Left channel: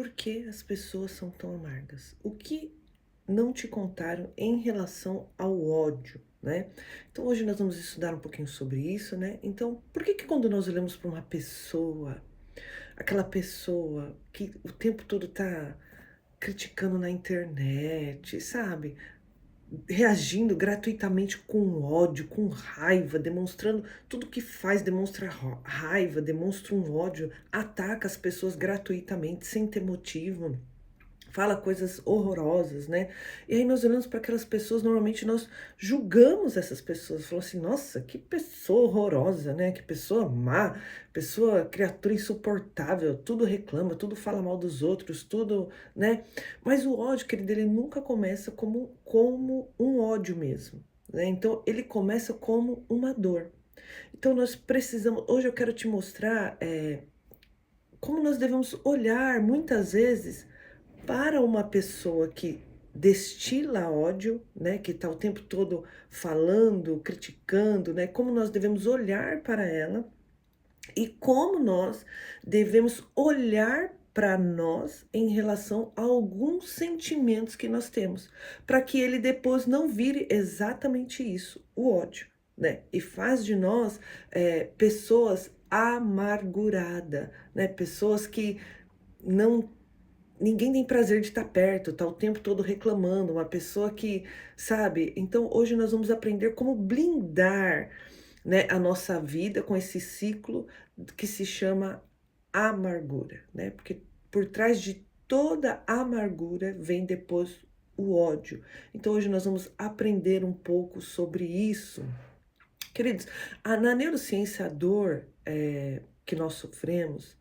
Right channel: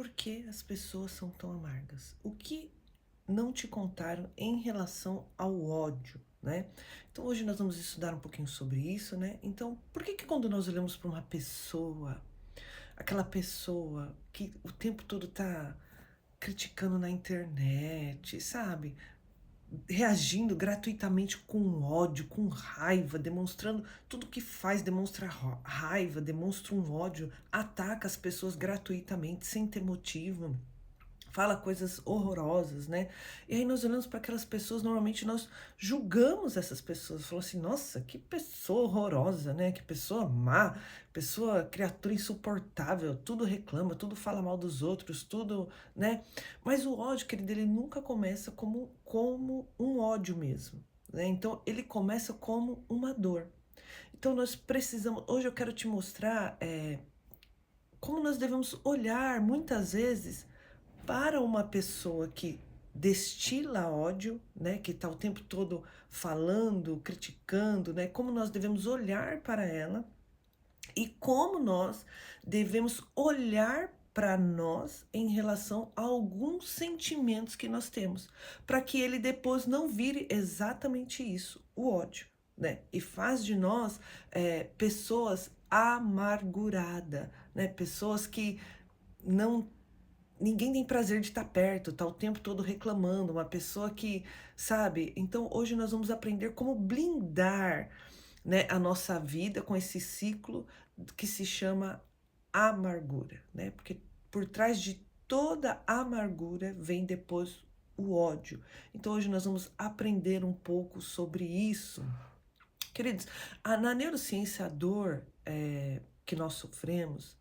por que as pessoas são tão amargas? O que não te contaram em relação ao ódio, né? Então hoje nós vamos estudar um pouquinho sobre isso, né? Então, por que quando nós olhamos para uma pessoa, aquela pessoa que o tempo todo tá criticando na internet, sabe? Reagindo gratuitamente com ódio, com raiva, demonstrando tudo que faz, demonstra raiva, demonstra um ódio, ataca as pessoas gratuitamente, sem ter motivo, fala coisas horrorosas, né? E aí nós olhamos para aquelas pessoas, normalmente nós julgamos essas pessoas, falamos assim, nossa, que pessoa horrorosa, né? Que pessoa má, pessoa, criatura insuportável, tudo reclama, tudo fala mal dos outros, tudo, né? Mas o ódio, querido, ele nunca começa como um ódio mesmo, né? Então ele começa como uma dor. Então nós precisamos, hoje eu quero te mostrar como nós devemos olhar muitas vezes para uma pessoa que destila ódio, né, que está o tempo todo falando, criticando, né, como nós devemos olhar para ela e como nós devemos olhar para nós em relação a alguns sentimentos que nós temos, para que ele depois não vire exatamente isso, o ódio, né? E faz de nós pessoas amarguradas, né? Pessoas que não ninguém tem prazer de estar perto, tá o tempo todo reclamando, uma pessoa que, sabe? Então hoje nós vamos aprender como blindar, né, a nossa vida com esse ciclo que se chama amargura, né? Porque por trás de toda amargura vem depois o ódio. Então hoje nós vamos aprender um pouco sobre isso. Queridos, na neurociência, a dor que nós sofremos,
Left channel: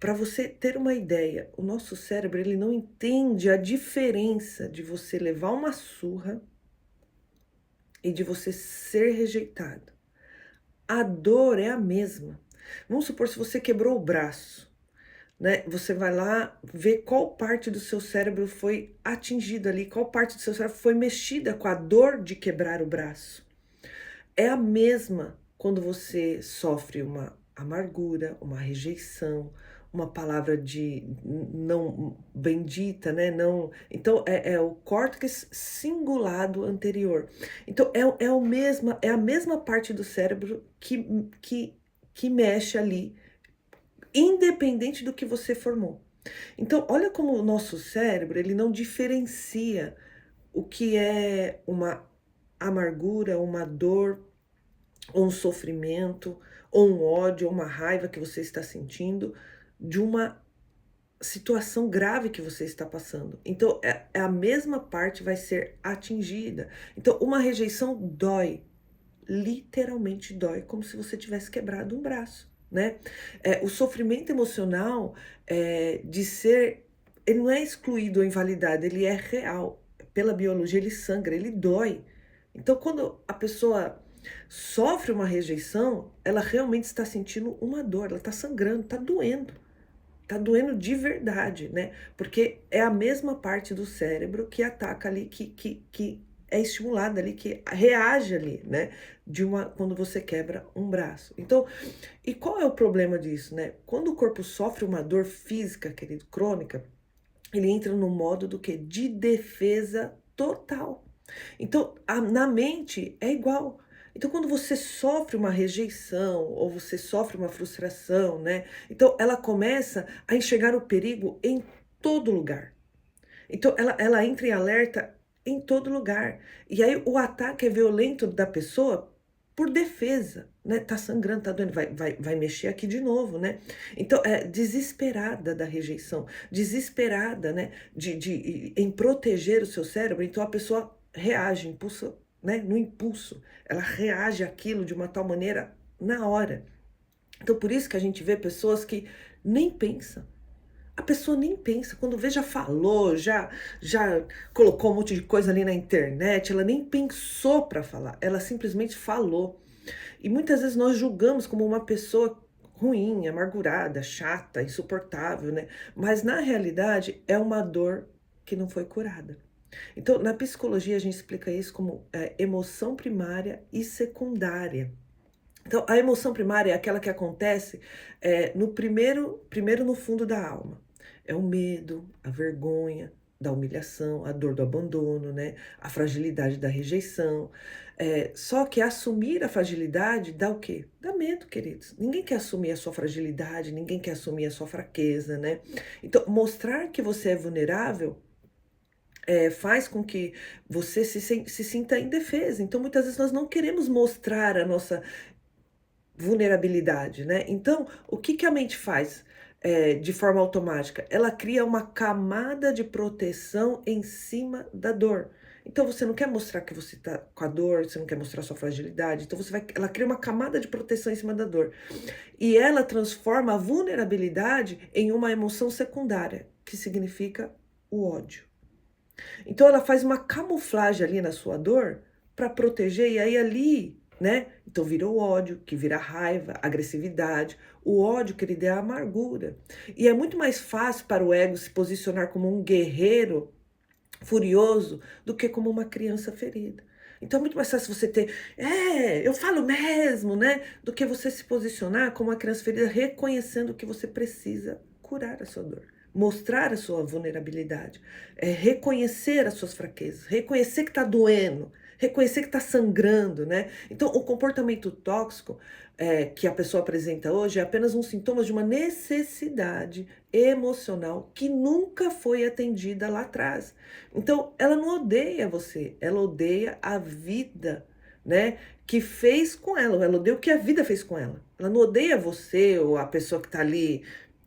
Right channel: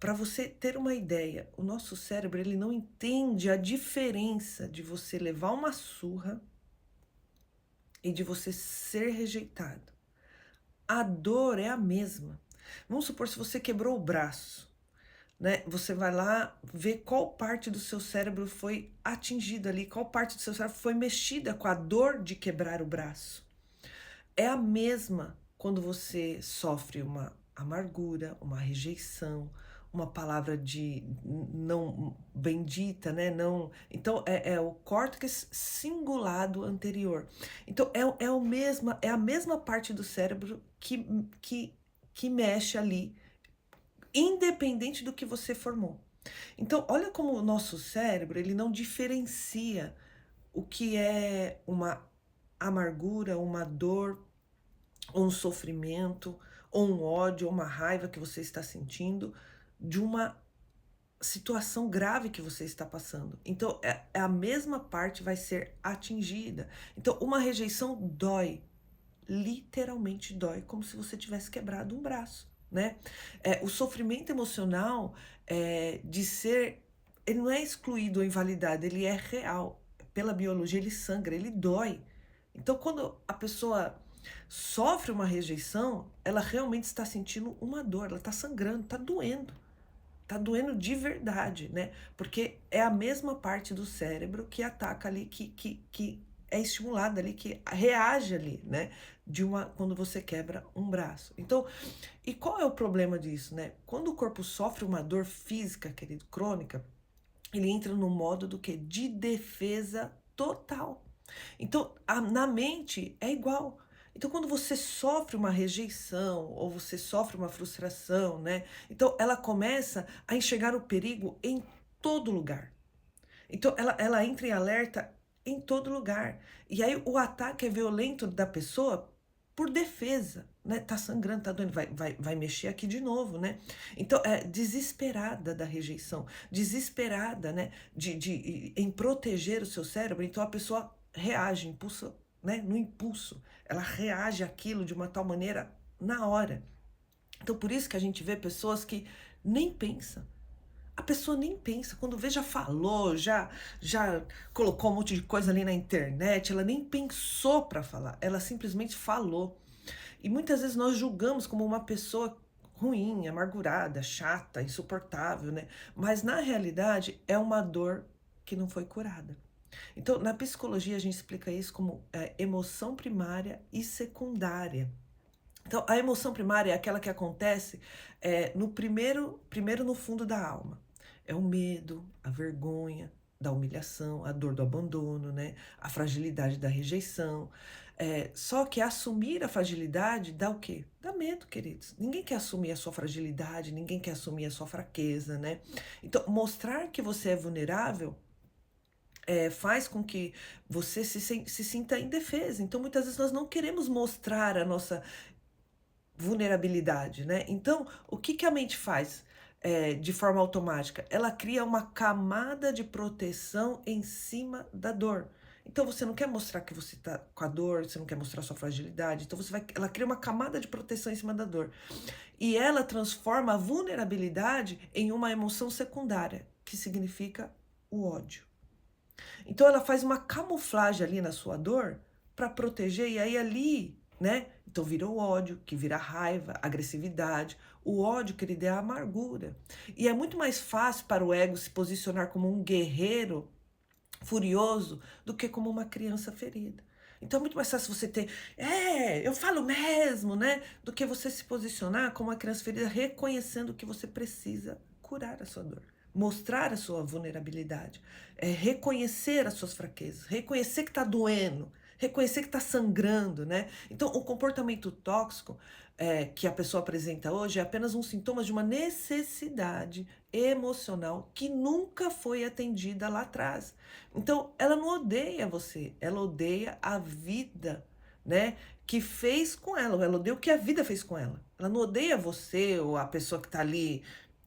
para você ter uma ideia, o nosso cérebro ele não entende a diferença de você levar uma surra e de você ser rejeitado. A dor é a mesma. Vamos supor se você quebrou o braço, né? Você vai lá ver qual parte do seu cérebro foi atingida ali, qual parte do seu cérebro foi mexida com a dor de quebrar o braço. É a mesma quando você sofre uma amargura, uma rejeição, uma palavra de não bendita, né? Não, então é o córtex cingulado anterior. Então é a mesma parte do cérebro que mexe ali, independente do que você formou. Então olha como o nosso cérebro ele não diferencia o que é uma amargura, uma dor, ou um sofrimento, ou um ódio, ou uma raiva que você está sentindo, de uma situação grave que você está passando. Então, a mesma parte vai ser atingida. Então, uma rejeição dói, literalmente dói, como se você tivesse quebrado um braço, né? O sofrimento emocional de ser, ele não é excluído ou invalidado, ele é real. Pela biologia, ele sangra, ele dói. Então, quando a pessoa sofre uma rejeição, ela realmente está sentindo uma dor, ela está sangrando, está doendo de verdade, né? Porque é a mesma parte do cérebro que ataca ali, que é estimulada ali, que reage ali, né? Quando você quebra um braço. Então, e qual é o problema disso, né? Quando o corpo sofre uma dor física, querido, crônica, ele entra no modo do que? De defesa total. Então, na mente é igual. Então, quando você sofre uma rejeição ou você sofre uma frustração, né? Então, ela começa a enxergar o perigo em todo lugar. Então, ela entra em alerta em todo lugar. E aí, o ataque é violento da pessoa por defesa, né? Tá sangrando, tá doendo, vai mexer aqui de novo, né? Então, é desesperada da rejeição, desesperada, né? Em proteger o seu cérebro. Então, a pessoa reage, impulso, né? No impulso. Ela reage àquilo de uma tal maneira na hora. Então, por isso que a gente vê pessoas que nem pensam. A pessoa nem pensa, quando vê já falou, já colocou um monte de coisa ali na internet, ela nem pensou para falar, ela simplesmente falou. E muitas vezes nós julgamos como uma pessoa ruim, amargurada, chata, insuportável, né? Mas na realidade é uma dor que não foi curada. Então, na psicologia a gente explica isso como emoção primária e secundária. Então, a emoção primária é aquela que acontece no primeiro no fundo da alma. É o medo, a vergonha da humilhação, a dor do abandono, né? A fragilidade da rejeição. Só que assumir a fragilidade dá o quê? Dá medo, queridos. Ninguém quer assumir a sua fragilidade, ninguém quer assumir a sua fraqueza, né? Então, mostrar que você é vulnerável faz com que você se sinta indefesa. Então, muitas vezes nós não queremos mostrar a nossa vulnerabilidade, né. Então, o que que a mente faz, de forma automática? Ela cria uma camada de proteção em cima da dor. Então você não quer mostrar que você está com a dor, você não quer mostrar sua fragilidade, então ela cria uma camada de proteção em cima da dor. E ela transforma a vulnerabilidade em uma emoção secundária, que significa o ódio. Então ela faz uma camuflagem ali na sua dor para proteger, e aí ali, né? Então vira o ódio, que vira raiva, agressividade. O ódio, querido, é a amargura. E é muito mais fácil para o ego se posicionar como um guerreiro furioso do que como uma criança ferida. Então é muito mais fácil você ter, eu falo mesmo, né? Do que você se posicionar como uma criança ferida, reconhecendo que você precisa curar a sua dor, mostrar a sua vulnerabilidade, reconhecer as suas fraquezas, reconhecer que está doendo, reconhecer que está sangrando, né? Então, o comportamento tóxico que a pessoa apresenta hoje é apenas um sintoma de uma necessidade emocional que nunca foi atendida lá atrás. Então, ela não odeia você, ela odeia a vida, né? Que fez com ela, ela odeia o que a vida fez com ela. Ela não odeia você ou a pessoa que está ali,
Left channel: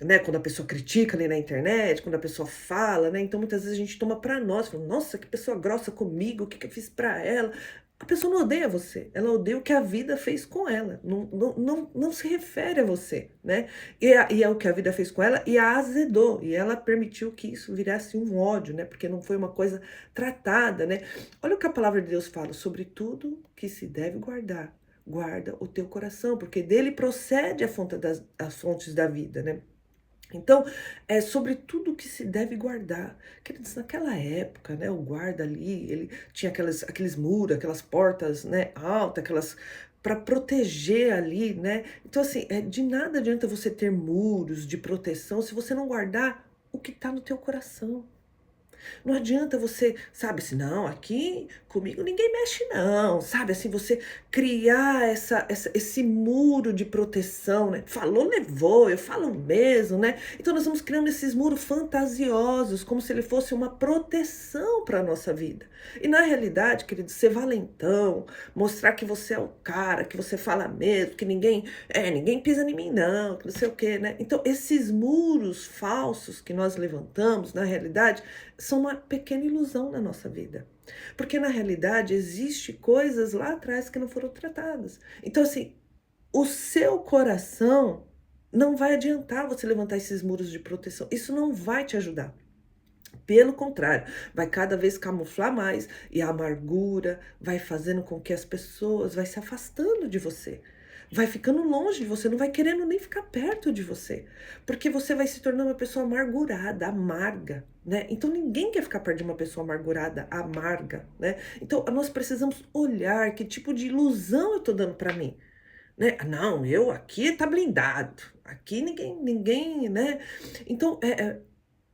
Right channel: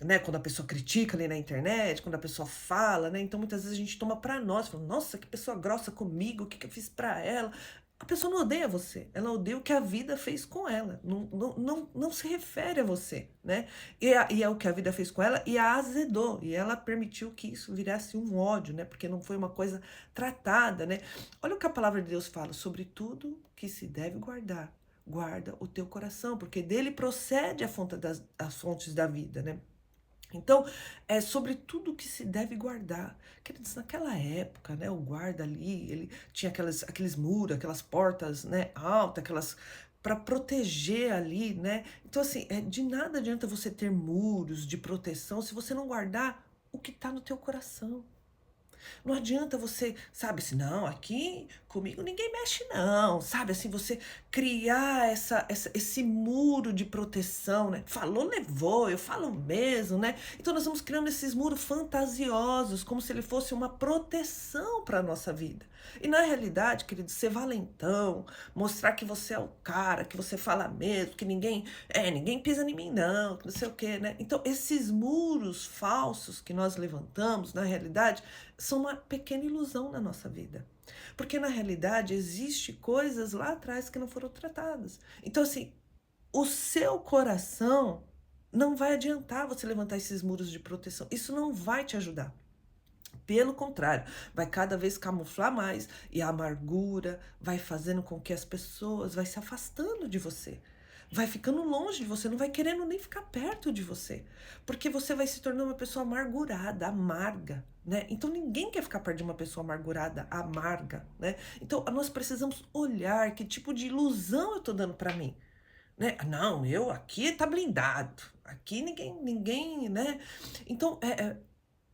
né, quando a pessoa critica ali na internet, quando a pessoa fala, né? Então muitas vezes a gente toma pra nós, fala, nossa, que pessoa grossa comigo, o que que eu fiz pra ela? A pessoa não odeia você, ela odeia o que a vida fez com ela, não se refere a você, né? E é o que a vida fez com ela e a azedou, e ela permitiu que isso virasse um ódio, né? Porque não foi uma coisa tratada, né? Olha o que a palavra de Deus fala, sobre tudo que se deve guardar, guarda o teu coração, porque dele procede as fontes da vida, né? Então, é sobre tudo que se deve guardar. Queridos, naquela época, né, o guarda ali, ele tinha aqueles muros, aquelas portas, né, altas, aquelas para proteger ali, né? Então, assim, de nada adianta você ter muros de proteção se você não guardar o que está no teu coração. Não adianta você, sabe, assim, não, aqui comigo ninguém mexe não, sabe, assim, você criar esse muro de proteção, né? Falou, levou, eu falo mesmo, né? Então nós vamos criando esses muros fantasiosos, como se ele fosse uma proteção para a nossa vida. E na realidade, querido, ser valentão, mostrar que você é o cara, que você fala mesmo, que ninguém pisa em mim não, que não sei o quê, né? Então esses muros falsos que nós levantamos, na realidade, são uma pequena ilusão na nossa vida. Porque na realidade existe coisas lá atrás que não foram tratadas. Então assim, o seu coração não vai adiantar você levantar esses muros de proteção. Isso não vai te ajudar. Pelo contrário, vai cada vez camuflar mais e a amargura vai fazendo com que as pessoas vai se afastando de você. Vai ficando longe de você, não vai querendo nem ficar perto de você, porque você vai se tornar uma pessoa amargurada, amarga, né? Então ninguém quer ficar perto de uma pessoa amargurada, amarga, né? Então nós precisamos olhar que tipo de ilusão eu tô dando para mim, né? Não, eu aqui tá blindado, aqui ninguém, né? Então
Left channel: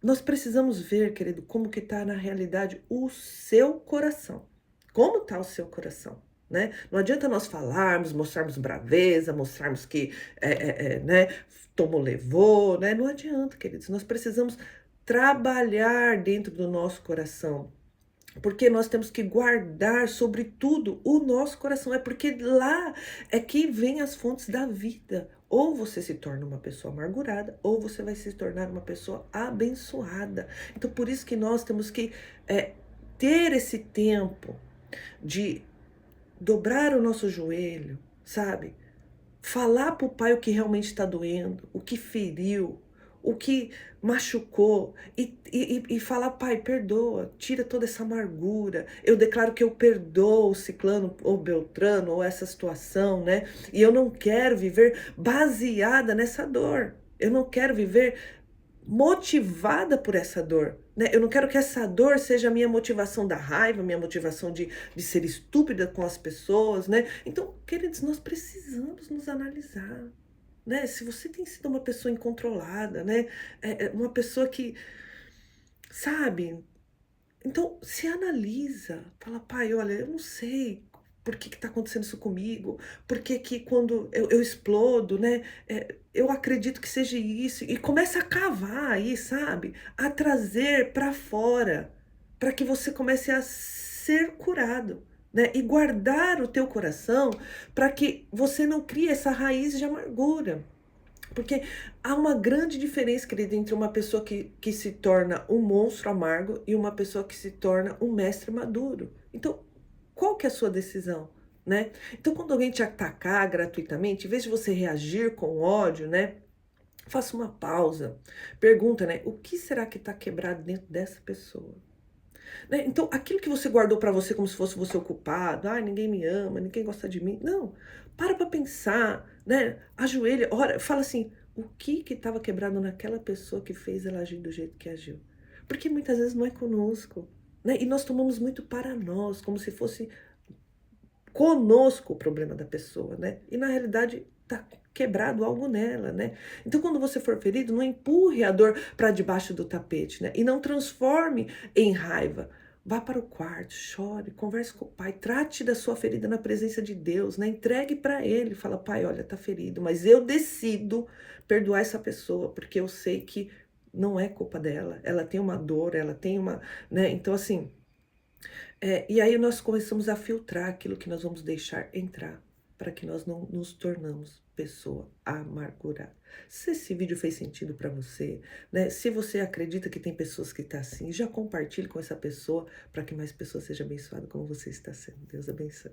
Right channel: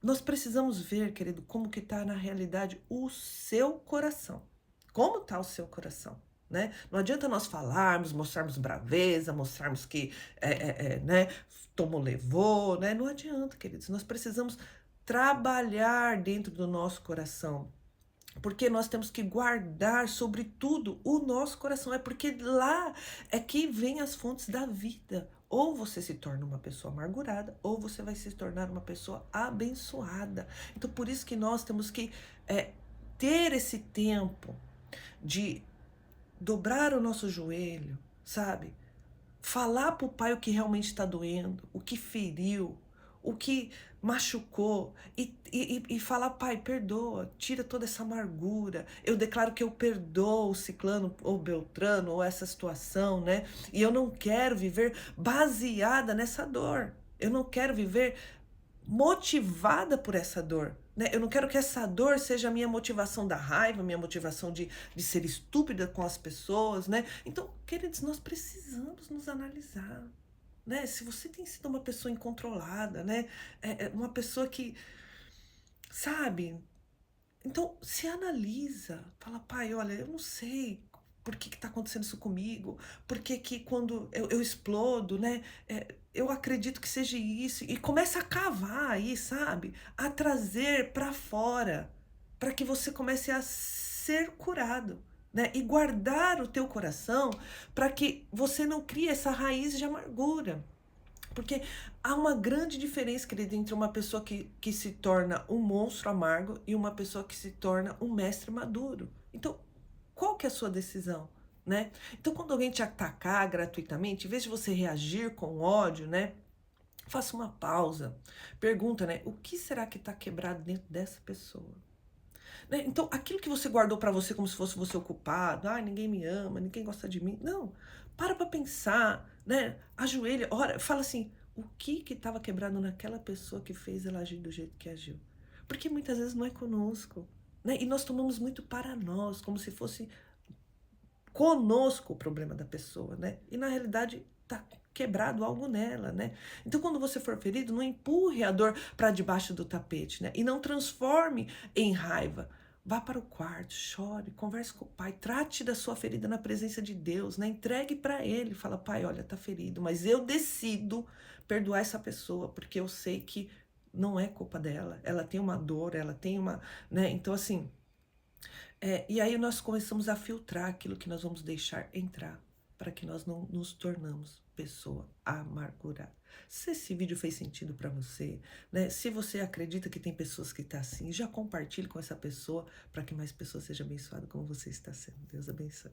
nós precisamos ver, querido, como que está na realidade o seu coração. Como está o seu coração, né? Não adianta nós falarmos, mostrarmos braveza, mostrarmos que, né, tomou, levou, né? Não adianta, queridos. Nós precisamos trabalhar dentro do nosso coração. Porque nós temos que guardar, sobretudo, o nosso coração. É porque lá é que vem as fontes da vida. Ou você se torna uma pessoa amargurada, ou você vai se tornar uma pessoa abençoada. Então, por isso que nós temos que ter esse tempo de dobrar o nosso joelho, sabe? Falar para o pai o que realmente está doendo, o que feriu, o que machucou, e falar, pai, perdoa, tira toda essa amargura, eu declaro que eu perdoo o ciclano ou beltrano ou essa situação, né? E eu não quero viver baseada nessa dor, eu não quero viver motivada por essa dor, né? Eu não quero que essa dor seja a minha motivação da raiva, minha motivação de ser estúpida com as pessoas, né? Então, queridos, nós precisamos nos analisar, né? Se você tem sido uma pessoa incontrolada, né? Uma pessoa que, sabe? Então, se analisa, fala, pai, olha, eu não sei por que está acontecendo isso comigo, por que que quando eu explodo, né, eu acredito que seja isso, e começa a cavar aí, sabe, a trazer para fora, para que você comece a ser curado, né, e guardar o teu coração para que você não crie essa raiz de amargura. Porque há uma grande diferença, querida, entre uma pessoa que se torna um monstro amargo e uma pessoa que se torna um mestre maduro. Então, qual que é a sua decisão, né? Então, quando alguém te atacar gratuitamente, em vez de você reagir com ódio, né? Faça uma pausa. Pergunta, né? O que será que está quebrado dentro dessa pessoa? Né? Então, aquilo que você guardou para você como se fosse você o culpado, ah, ninguém me ama, ninguém gosta de mim. Não, para pensar, né? Ajoelha, ora, fala assim, o que estava quebrado naquela pessoa que fez ela agir do jeito que agiu? Porque muitas vezes não é conosco, né? E nós tomamos muito para nós, como se fosse conosco o problema da pessoa, né? E na realidade tá quebrado algo nela, né? Então, quando você for ferido, não empurre a dor para debaixo do tapete, né? E não transforme em raiva. Vá para o quarto, chore, converse com o pai, trate da sua ferida na presença de Deus, né? Entregue para ele, fala, pai, olha, tá ferido, mas eu decido perdoar essa pessoa, porque eu sei que não é culpa dela, ela tem uma dor, ela tem uma, né? Então, assim, e aí nós começamos a filtrar aquilo que nós vamos deixar entrar, para que nós não nos tornamos pessoa amargurada. Se esse vídeo fez sentido para você, né? Se você acredita que tem pessoas que estão assim, já compartilhe com essa pessoa para que mais pessoas sejam abençoadas como você está sendo. Deus abençoe.